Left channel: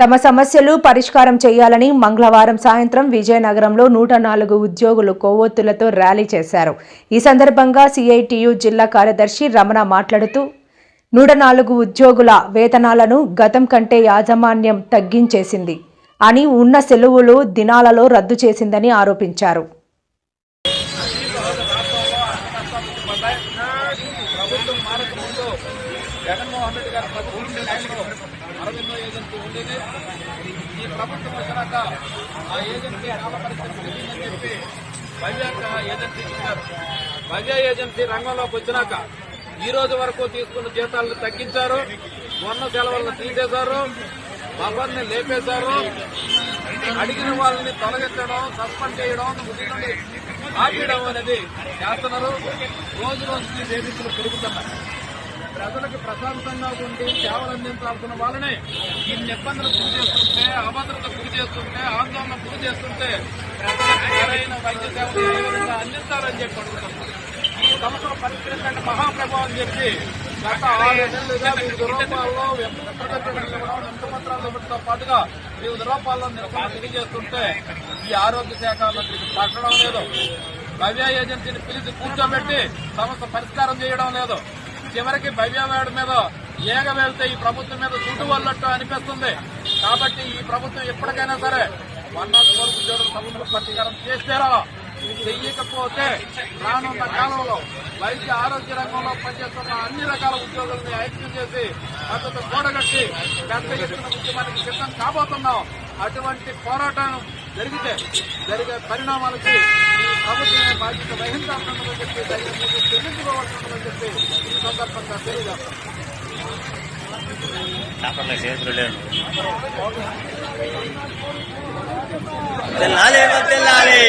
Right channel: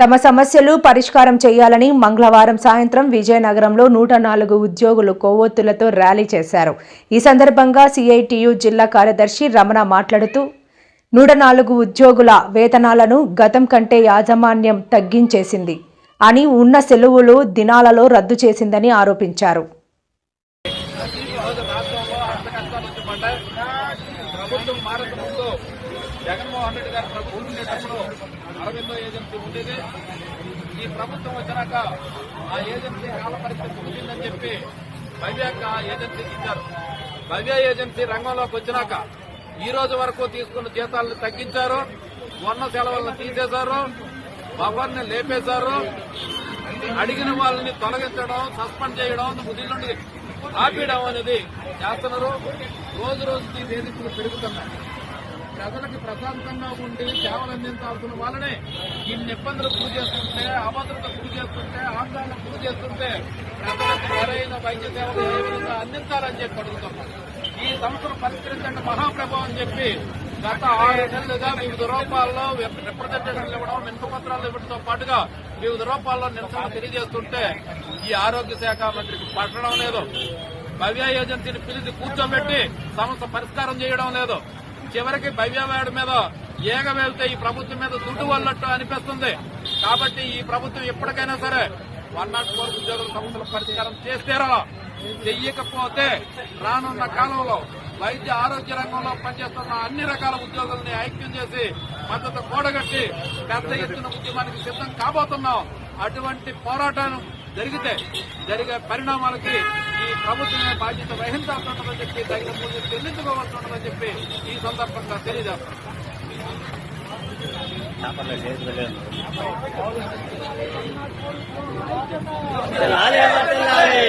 తమ సమస్యలు పరిష్కారం చేయాలని మంగళవారం సాయంత్రం విజయనగరంలో 104 ఉద్యోగులు కొవ్వొత్తులతో ర్యాలీ చేశారు. ఈ సందర్భంగా సిఐటియు జిల్లా కార్యదర్శి రమణ మాట్లాడుతూ 104 ఉద్యోగుల వేతనాలను గతం కంటే యాజమాన్యం తగ్గించేసింది అని, ఉన్న సెలవులు దినాలలో రద్దు చేసిందని ఆరోపించారు. జగన్మోహన్ రెడ్డి గారి ప్రభుత్వం ఉండేటప్పుడు అరవిందో ఏజెన్సీ ఉండేది. ఈ ప్రభుత్వం వచ్చినాక ఆ ఏజెన్సీ కాల పరిస్థితి ఉంటుందని చెప్పి భవ్య ఏజెన్సీ ఇచ్చారు. భవ్య ఏజెన్సీ రంగంలోకి వచ్చినాక ఈ రోజు వరకు తీసుకున్న జీతాలను తగ్గించారు, మొన్న సెలవులను తీసేశారు, భవన్ని లేపేశారు, అడిగిన వాళ్ళని తొలగించడం, సస్పెండ్ చేయడం, నుండి ఆపేయడం అనేది చేస్తున్నారు. రోజు రోజుకి వేధింపులు పెరుగుతున్నాయి. ప్రజలకు ప్రశాంతంగా ఉండి సేవలు అందించాల్సిన వాళ్ళని ఇన్ని ఇబ్బందులు గురి చేస్తుంటే, అభద్రత గురి చేస్తుంటే, ఆందోళన గురి చేస్తుంటే ప్రజలకు సరైన వైద్య సేవలు ఏ విధంగా అందించాలని చెప్పి అడుగుతున్నాం. ఈ సమస్యను పరిష్కరించండి మహాప్రభావం అని చెప్పి గత 6 నెలలుగా వివిధ రూపాల్లో ప్రజెంటేషన్లు ఇవ్వడం, నింపపత్రాలు ఇవ్వడంతో పాటుగా వివిధ రూపాల్లో నిరసన తెలియజేస్తుంటే ఈ ఆరోగ్య శాఖ మంత్రికి పట్టడం లేదు. భవ్య ఏజెన్సీని పిలిచి కూర్చోబెట్టి సమస్య పరిష్కారం చేయడం లేదు. చివరికి భవ్యవాడి మీద ఏగ వెళ్తే ఈ ప్రభుత్వం మీద చుట్టు వల్లట్టు అనిపిస్తుంది. కాబట్టి ఈ ప్రభుత్వం ఎప్పటికైనా సరే 104 ఉద్యోగుల సమస్యల పరిష్కారం చేస్తారో, చెయ్యకపోతే రానున్న కాలంలో వైద్య ఆరోగ్య రంగంలో పనిచేస్తున్న అన్ని రకాల ఉద్యోగులను ఐక్యం చేసి మద్దతు కూడగట్టి చేస్తున్న ఉద్యమానికి సిద్ధం కాబోతున్నాం. అటువంటి పోరాటం జరిగే పరిణామాలకి ఈ ప్రభుత్వమే బాధ్యత వహించాల్సిందని చెప్పి చెల్లించుకోవాల్సిందని చెప్పి ఈ సందర్భంగా తెలియజేస్తాం. తెల్లాలి